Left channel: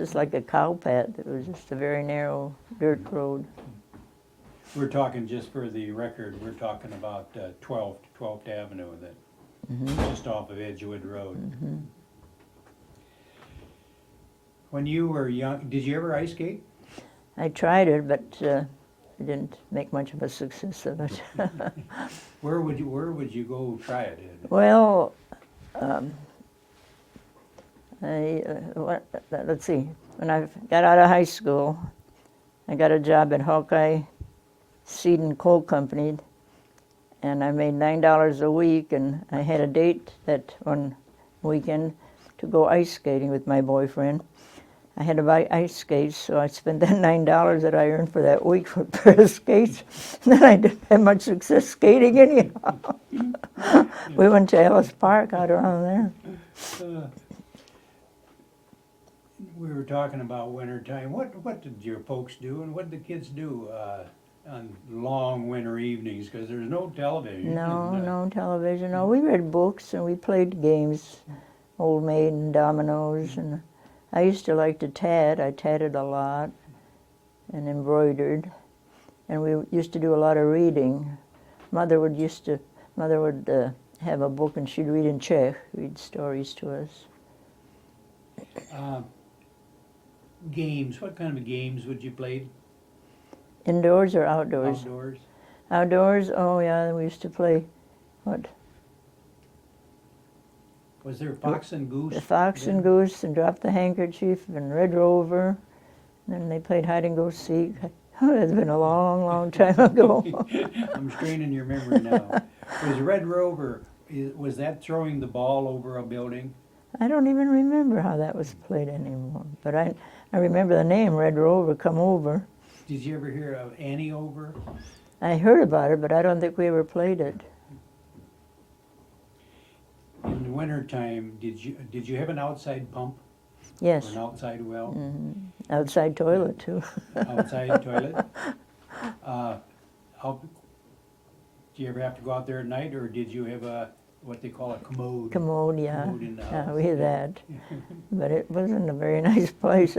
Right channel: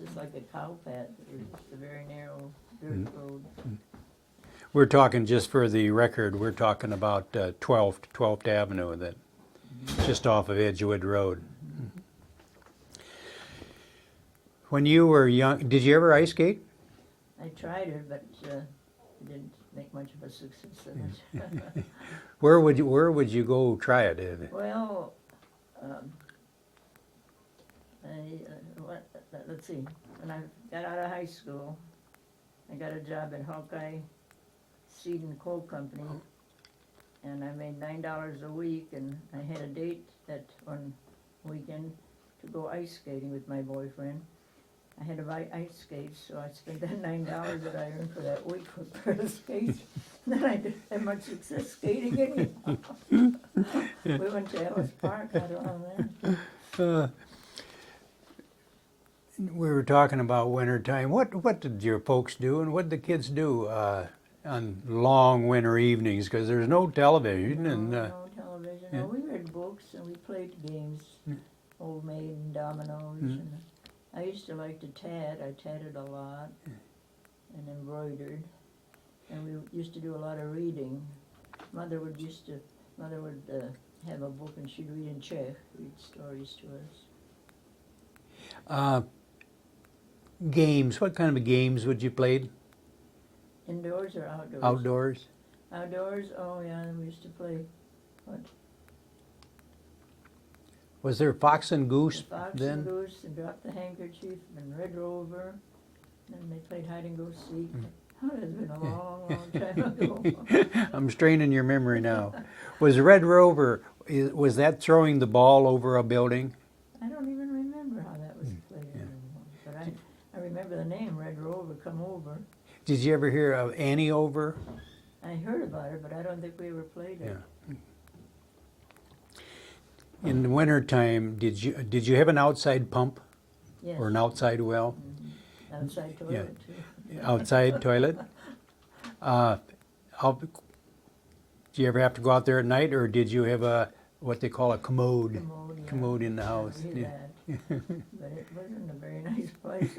Just like a cow path. It was just a very narrow dirt road. We're talking, just for the record, we're talking about 12th Avenue, that just off of Edgewood Road. When you were young, did you ever ice skate? I tried it, but I didn't make much of a success of it. Where would you go try it? Well, let's see. When I got out of high school, I got a job at Hawkeye Seed and Coal Company, and I made $9 a week, and I had a date that one weekend to go ice skating with my boyfriend. I had to buy ice skates, so I spent that $9 that I earned for that week for a pair of skates. And then I didn't have much success skating anyhow. We went to Ellis Park out around there. We were talking about wintertime. What did your folks do, and what did the kids do on long winter evenings? Because there's no television. No television. No, we read books and we played games, Old Maid and dominoes. And I used to like to tat. I tatted a lot and embroidered. And we used to do a lot of reading. Mother would have a book and she'd read in Czech, read stories to us. Games. What kind of games would you play? Indoors or outdoors? Outdoors. Outdoors, oh yeah, we used to play, what? Was there Fox and Goose? The Fox then? and Goose, and Drop the Handkerchief, and Red Rover. And then they played Hide and Go Seek. Oh, it's been a long, long time ago. I'm straining your memory now. Was Red Rover, was that throwing the ball over a building? I don't even remember how that was played anymore. But I remember the name, Red Rover, come over. Did you ever hear of Annie Over? I heard about it, but I don't think we ever played it. In the wintertime, did you have an outside pump? Yes. Or an outside well? Outside toilet, too. Outside toilet? Did you ever have to go out there at night, or did you have what they call a commode? Commode, yeah. Commode in the house. Yeah, we had that. But it wasn't a very nice place.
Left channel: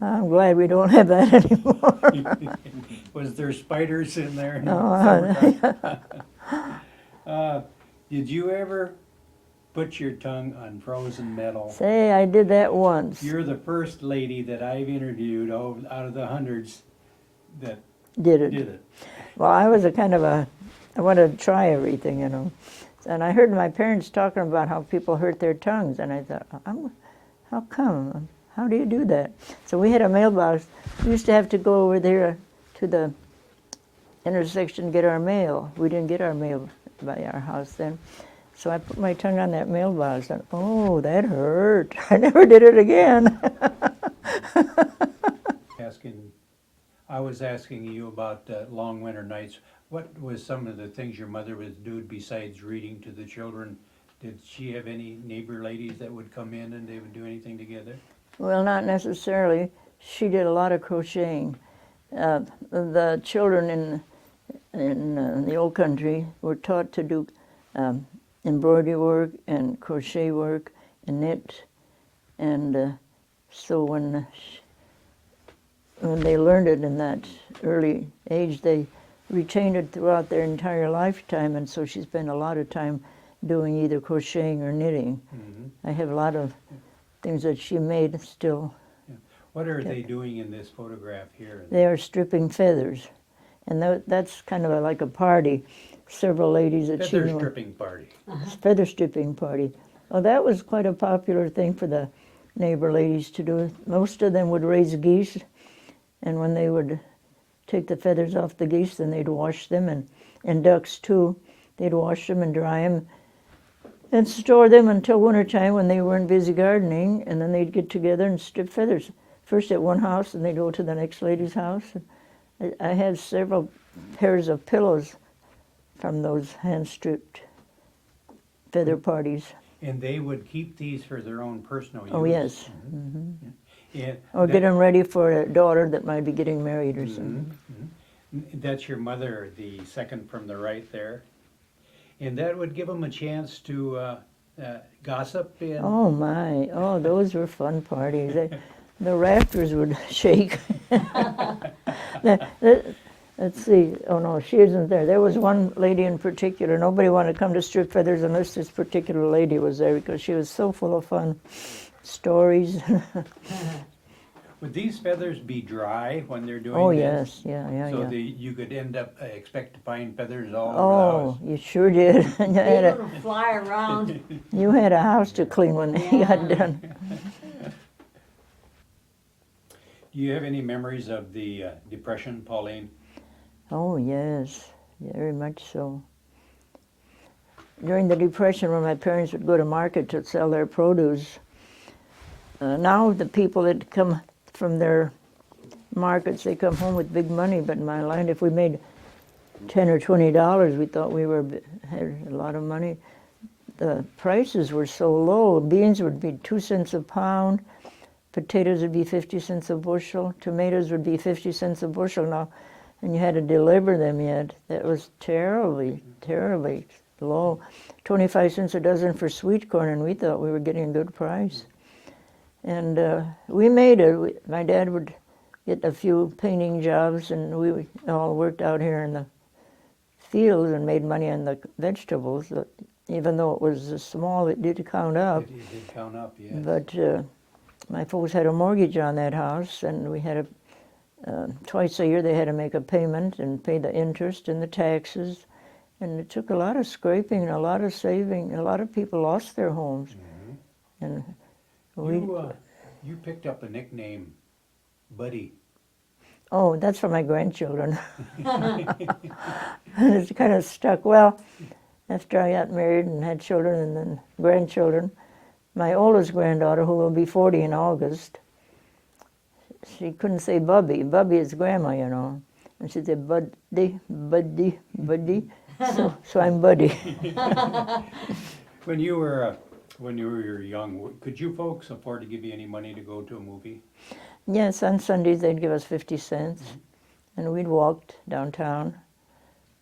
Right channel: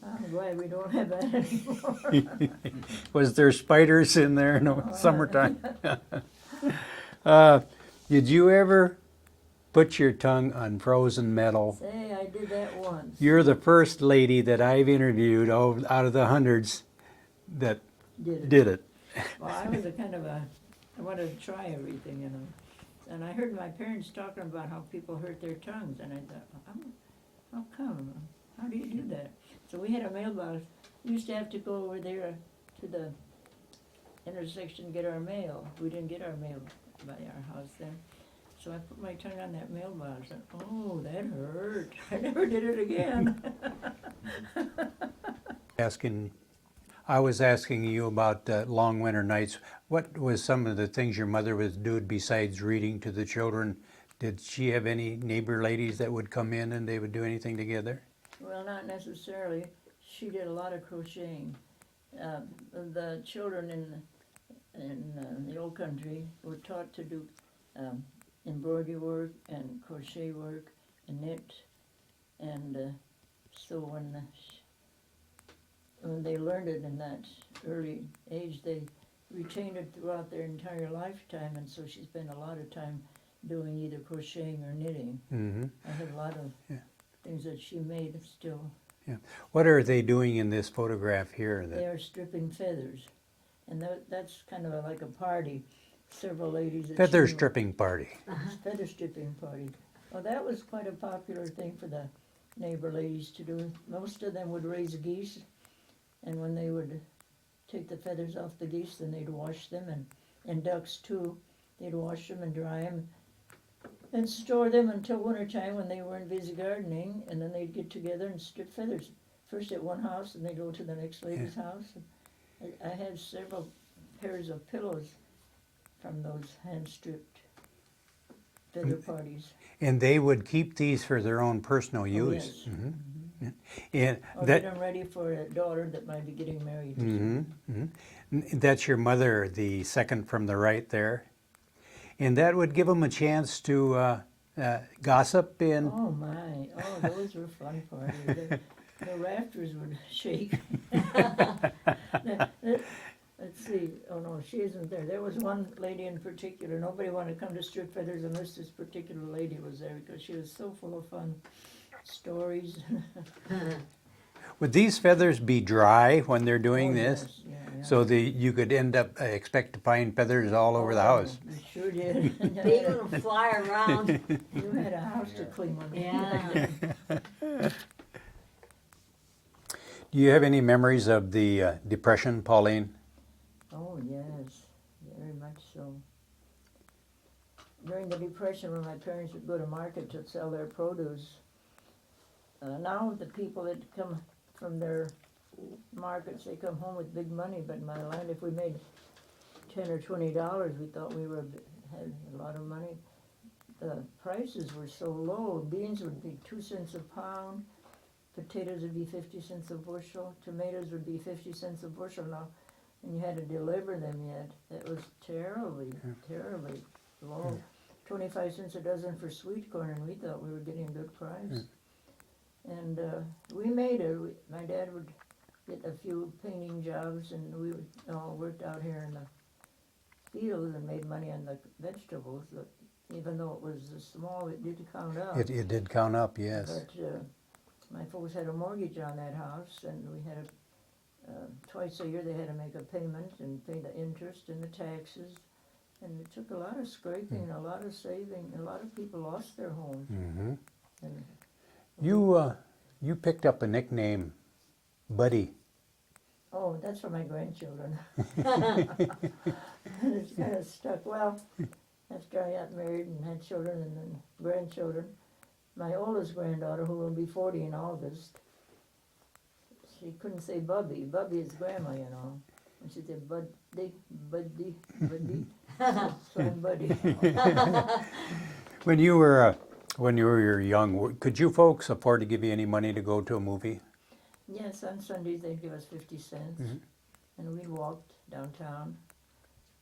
I'm glad we don't have that anymore. Was there spiders in there in the No. summertime? Did you ever put your tongue on frozen metal? Say, I did that once. You're the first lady that I've interviewed out of the hundreds that Did it. did it. Well, I was I wanted to try everything, you know. And I heard my parents talking about how people hurt their tongues, and I thought, how come? How do you do that? So we had a mailbox. We used to have to go over there to the intersection to get our mail. We didn't get our mail by our house then. So I put my tongue on that mailbox, and oh, that hurt. I never did it again. I was asking you about long winter nights. What was some of the things your mother would do besides reading to the children? Did she have any neighbor ladies that would come in and they would do anything together? Well, not necessarily. She did a lot of crocheting. The children in the old country were taught to do embroidery work and crochet work and knit. And so when they learned it in that early age, they retained it throughout their entire lifetime, and so she spent a lot of time doing either crocheting or knitting. I have a lot of things that she made still. Yeah. What are they doing in this photograph here? They are stripping feathers, and that's kind of like a party. Several ladies that Feather she knew. stripping party. Feather stripping party. Well, that was quite a popular thing for the neighbor ladies to do. Most of them would raise geese, and when they would take the feathers off the geese, then they'd wash them, and ducks too. They'd wash them and dry them and store them until wintertime when they weren't busy gardening, and then they'd get together and strip feathers. First at one house, and they'd go to the next lady's house. I had several pairs of pillows from those hand-stripped feather parties. And they would keep these for their own personal use? Oh, yes. Yeah. Or get them ready for a daughter that might be getting married or something. That's your mother, the second from the right there. And that would give them a chance to gossip. Oh, my. Oh, those were fun parties. the rafters would shake. Let's see. Oh no, she isn't there. There was one lady in particular. Nobody wanted to come to Strip Feathers unless this particular lady was there because she was so full of fun. Stories. Would these feathers be dry when they're doing Oh this? yes, yeah. So yeah. you could end up expect to find feathers all over the house. Oh, you sure did. They gonna fly around. You had a house to clean when they got Yeah. done. Do you have any memories of the Depression, Pauline? Oh yes, very much so. During the Depression, when my parents would go to market to sell their produce, now the people that come from their markets, they come home with big money. But in my line, if we made $10 or $20, we thought we had a lot of money. The prices were so low. Beans would be 2 cents a pound. Potatoes would be 50 cents a bushel. Tomatoes would be 50 cents a bushel now, and you had to deliver them yet. That was terribly, terribly low. 25 cents a dozen for sweet corn, and we thought we were getting a good price. And we made it. My dad would get a few painting jobs, and we all worked out here in the fields and made money on the vegetables. Even though it was small, it did count up. It did count up, yes. But my folks had a mortgage on that house, and we had twice a year they had to make a payment and pay the interest and the taxes. And it took a lot of scraping and a lot of saving. A lot of people lost their homes. Mm-hmm. And You picked up a nickname, Buddy. oh, that's for my grandchildren. It's kind of stuck. Well, after I got married and had children and then grandchildren, my oldest granddaughter, who will be 40 in August, she couldn't say Bubby. Bubby is grandma, you know. And she said, Buddy, Buddy, Buddy. So I'm Buddy. When you were young, could you folks afford to give you any money to go to a movie? Yes, on Sundays they'd give us 50 cents. And we'd walk downtown.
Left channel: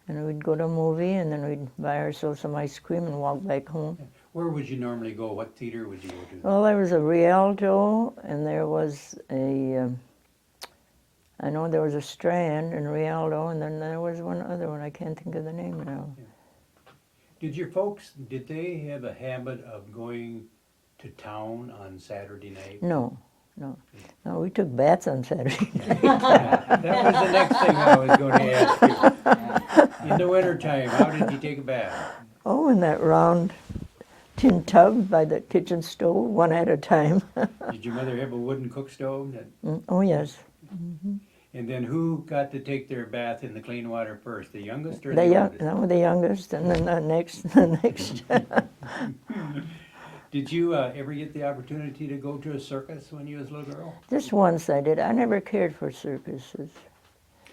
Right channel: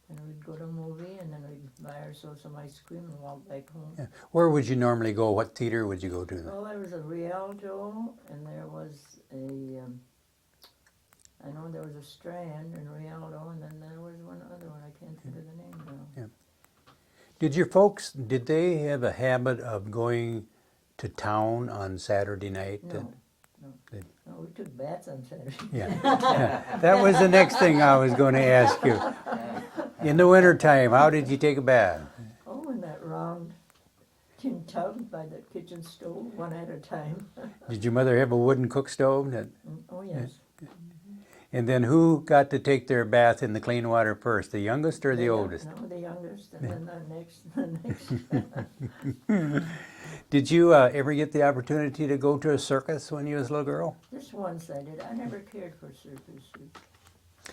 And we'd go to a movie, and then we'd buy ourselves some ice cream and walk back home. Yeah. Where would you normally go? What theater would you go to? Well, there was a Rialto, and there was I know there was a Strand in Rialto, and then there was one other one. I can't think of the name now. Yeah. Did they have a habit of going to town on Saturday night? No. No, we took baths on Saturday. Yeah. That was the next thing I was going to ask you. In the wintertime, how did you take a bath? Oh, in that round tin tub by the kitchen stove, one at a time. Did your mother have a wooden cook stove? Oh, yes. And then who got to take their bath in the clean water first, the youngest or the oldest? No, the youngest, and then the next. Did you ever get the opportunity to go to a circus when you was a little girl? Just once I did. I never cared for circuses.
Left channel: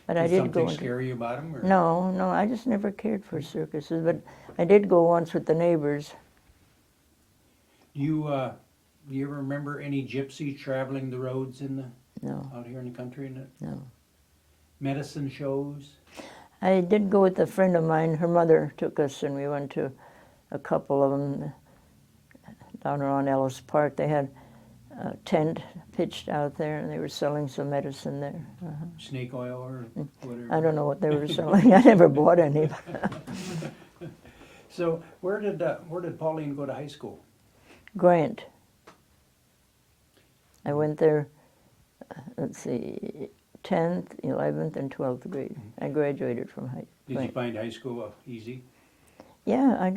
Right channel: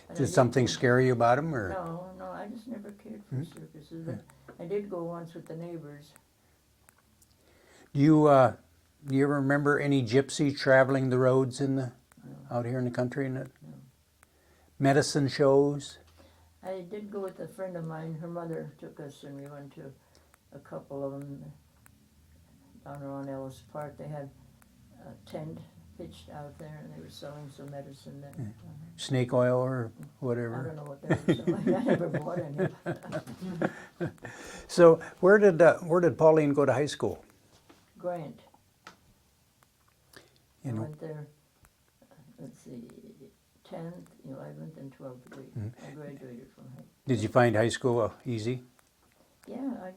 But I Did did something go scare you about them? Or? No, I just never cared for circuses. But I did go once with the neighbors. Do you ever remember any gypsy traveling the roads No, out here in the country? no. Medicine shows? I did go with a friend of mine. Her mother took us, and we went to a couple of them down around Ellis Park. They had a tent pitched out there, and they were selling some medicine there. Snake oil or whatever? I don't know what they were selling. I never bought any. So where did Pauline go to high school? Grant. I went there, let's see, 10th, 11th, and 12th grade. I graduated from high school. Did you find high school easy? Yeah, I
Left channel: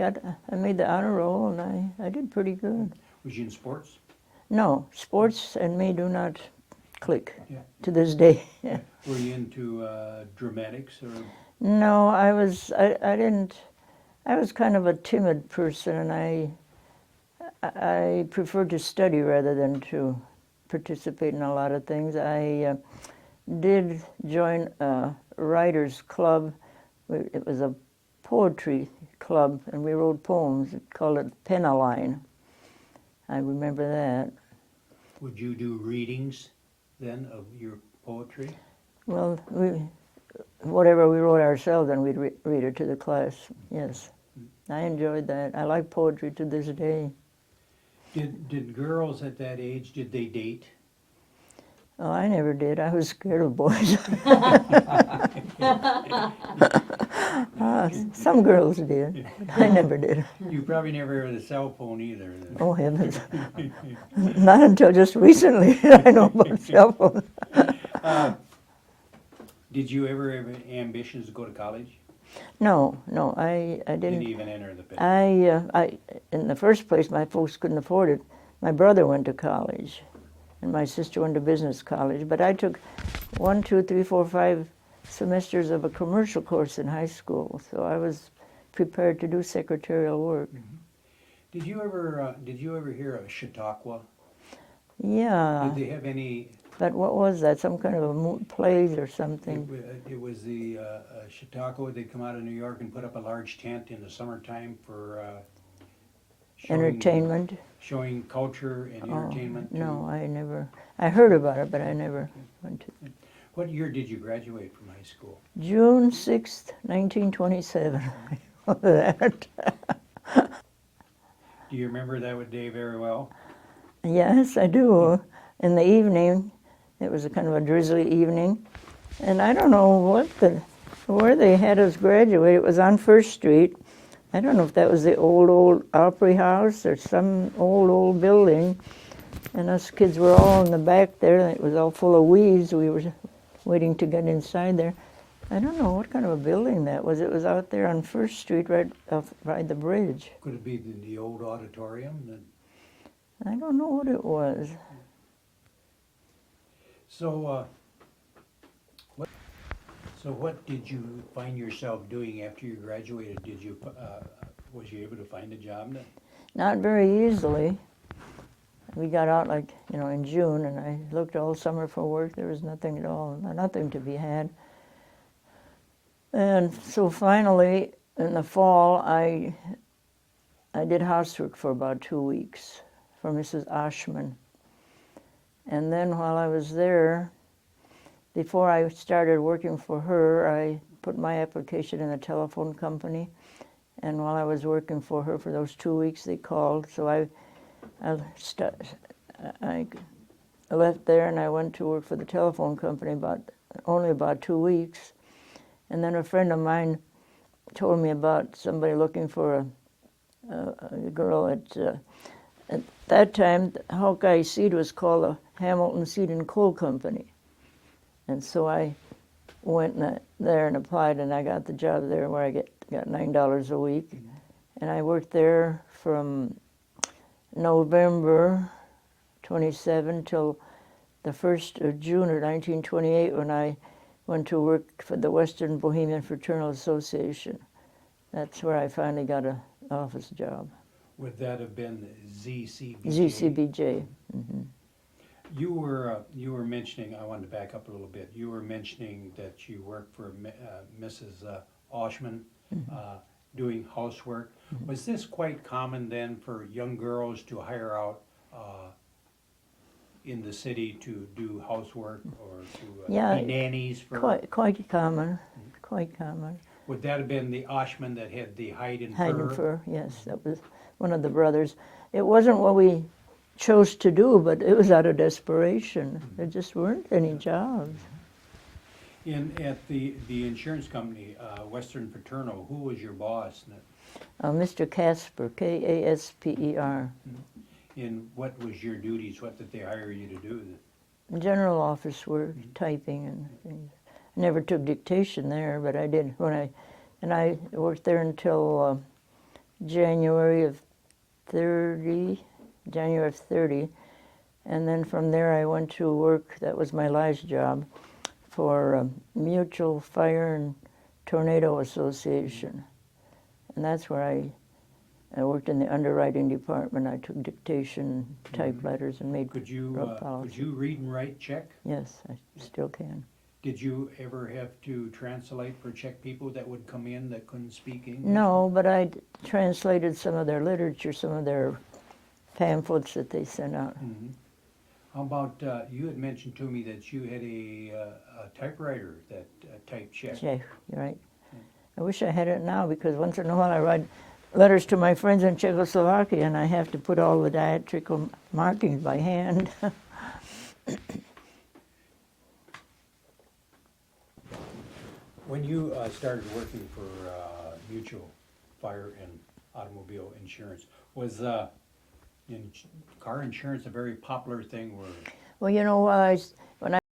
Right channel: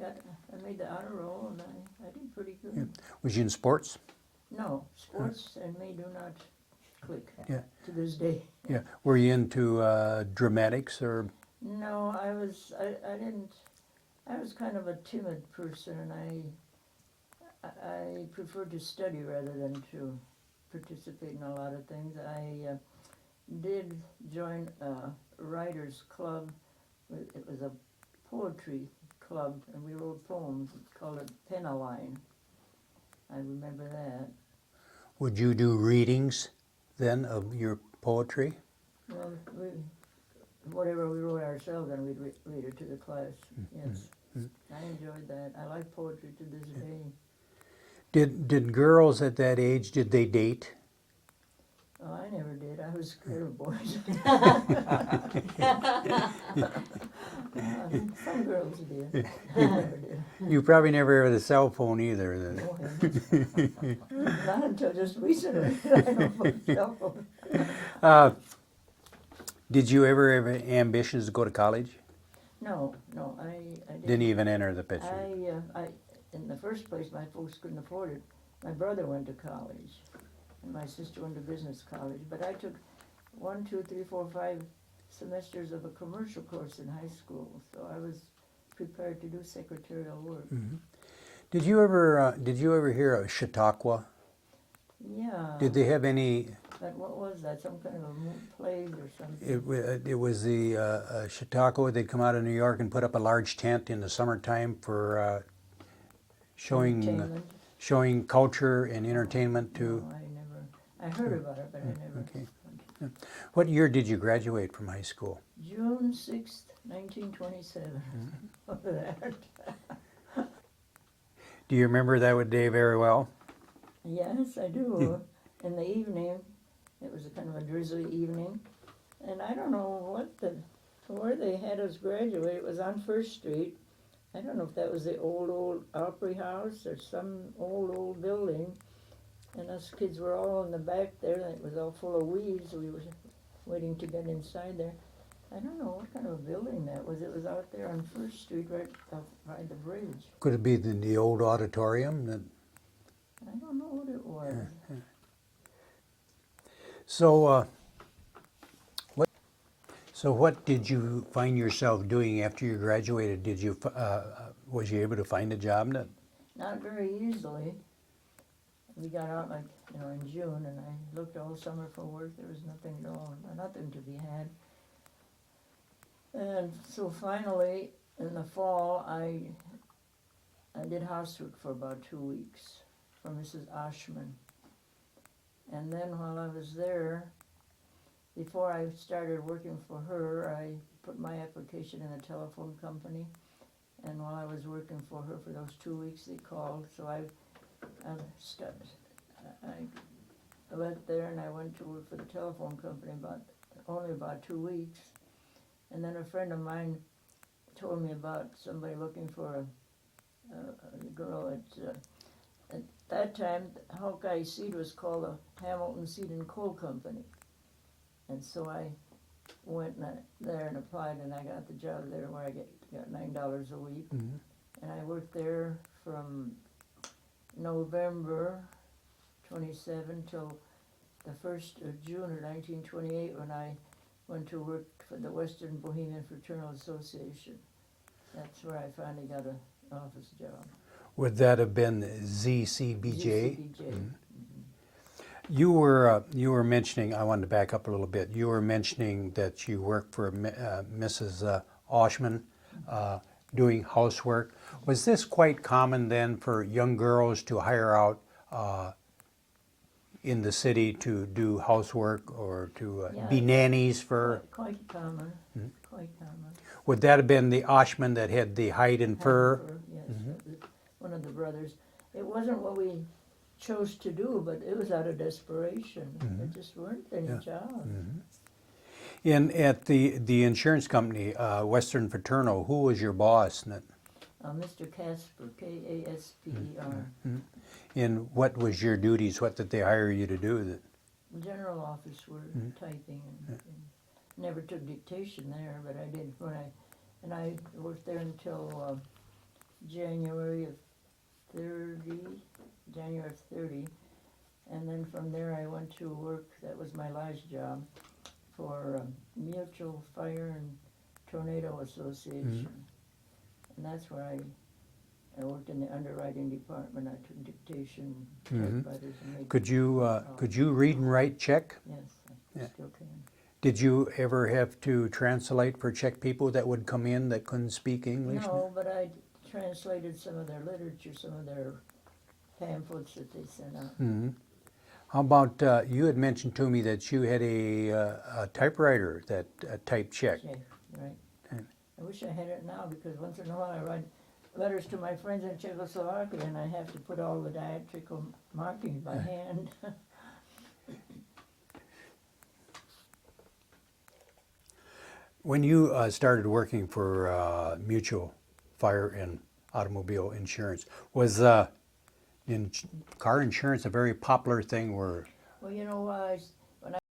made the honor roll, and I did pretty good. Was you in sports? No, sports and me do not click Yeah. to this day. Yeah. Were you into dramatics or? No, I didn't. I was kind of a timid person, and I preferred to study rather than to participate in a lot of things. I did join a writers club. It was a poetry club, and we wrote poems. It called it Penaline. I remember that. Would you do readings then of your poetry? Well, whatever we wrote ourselves, and we'd read it to the class. Yes, I enjoyed that. I like poetry to this day. Did girls at that age, did they date? Oh, I never did. I was scared of boys. Some girls did. I never did. You probably never had a cell phone either then. Oh, heavens. Not until just recently I know about cell phones. Did you ever have ambitions to go to college? No, I Didn't didn't. even enter the picture. In the first place, my folks couldn't afford it. My brother went to college, and my sister went to business college. But I took 1, 2, 3, 4, 5 semesters of a commercial course in high school, so I was prepared to do secretarial work. Did you ever hear of Chautauqua? Yeah. Did they have any? But what was that? Some kind of a plays or something? It was the Chautauqua. They'd come out of New York and put up a large tent in the summertime for showing Entertainment? showing culture and entertainment. No, I never. I heard about it, but I never went to. What year did you graduate from high school? June 6th, 1927. That. Do you remember that day very well? Yes, I do. In the evening, it was a kind of a drizzly evening, and I don't know where they had us graduate. It was on First Street. I don't know if that was the old Opry House or some old building. And us kids were all in the back there, and it was all full of weeds. We were waiting to get inside there. I don't know what kind of a building that was. It was out there on First Street, right by the bridge. Could it be the old auditorium? I don't know what it was. So, what did you find yourself doing after you graduated? Was you able to find a job then? Not very easily. We got out in June, and I looked all summer for work. There was nothing at all, nothing to be had. And so finally, in the fall, I did housework for about 2 weeks for Mrs. Oshman. And then while I was there, before I started working for her, I put my application in a telephone company. And while I was working for her for those 2 weeks, they called. So I left there and I went to work for the telephone company only about 2 weeks. And then a friend of mine told me about somebody looking for a girl at that time. Hawkeye Seed was called the Hamilton Seed and Coal Company. And so I went there and applied, and I got the job there where I got $9 a week. Mm-hmm. And I worked there from November 27 till the 1st of June of 1928 when I went to work for the Western Bohemian Fraternal Association. That's where I finally got an office job. Would that have been ZCBJ? ZCBJ. Mm-hmm. You were mentioning, I wanted to back up a little bit, you were mentioning that you worked for Mrs. Oshman, doing housework. Was this quite common then for young girls to hire out in the city to do housework or to be nannies for? Quite common, quite common. Would that have been the Oshman that had the hide and fur? Hide and fur, yes, that was one of the brothers. It wasn't what we chose to do, but it was out of desperation. There just weren't any jobs. At the insurance company, Western Fraternal, who was your boss? Mr. Casper, Kasper. And what was your duties? What did they hire you to do? General office work, typing and things. Never took dictation there, but I did I worked there until January of 30, and then from there I went to work, that was my last job, for Mutual Fire and Tornado Association. And that's where I worked in the underwriting department. I took dictation, typewriters, and made. Could you read and write Czech? Yes, I still can. Did you ever have to translate for Czech people that would come in that couldn't speak English? No, but I translated some of their literature, some of their pamphlets that they sent out. How about, you had mentioned to me that you had a typewriter that typed Czech. Czech, right. I wish I had it now, because once in a while I write letters to my friends in Czechoslovakia and I have to put all the diacritical markings by hand. When you started working for Mutual Fire and Automobile Insurance, was car insurance a very popular thing? Where Well, you know,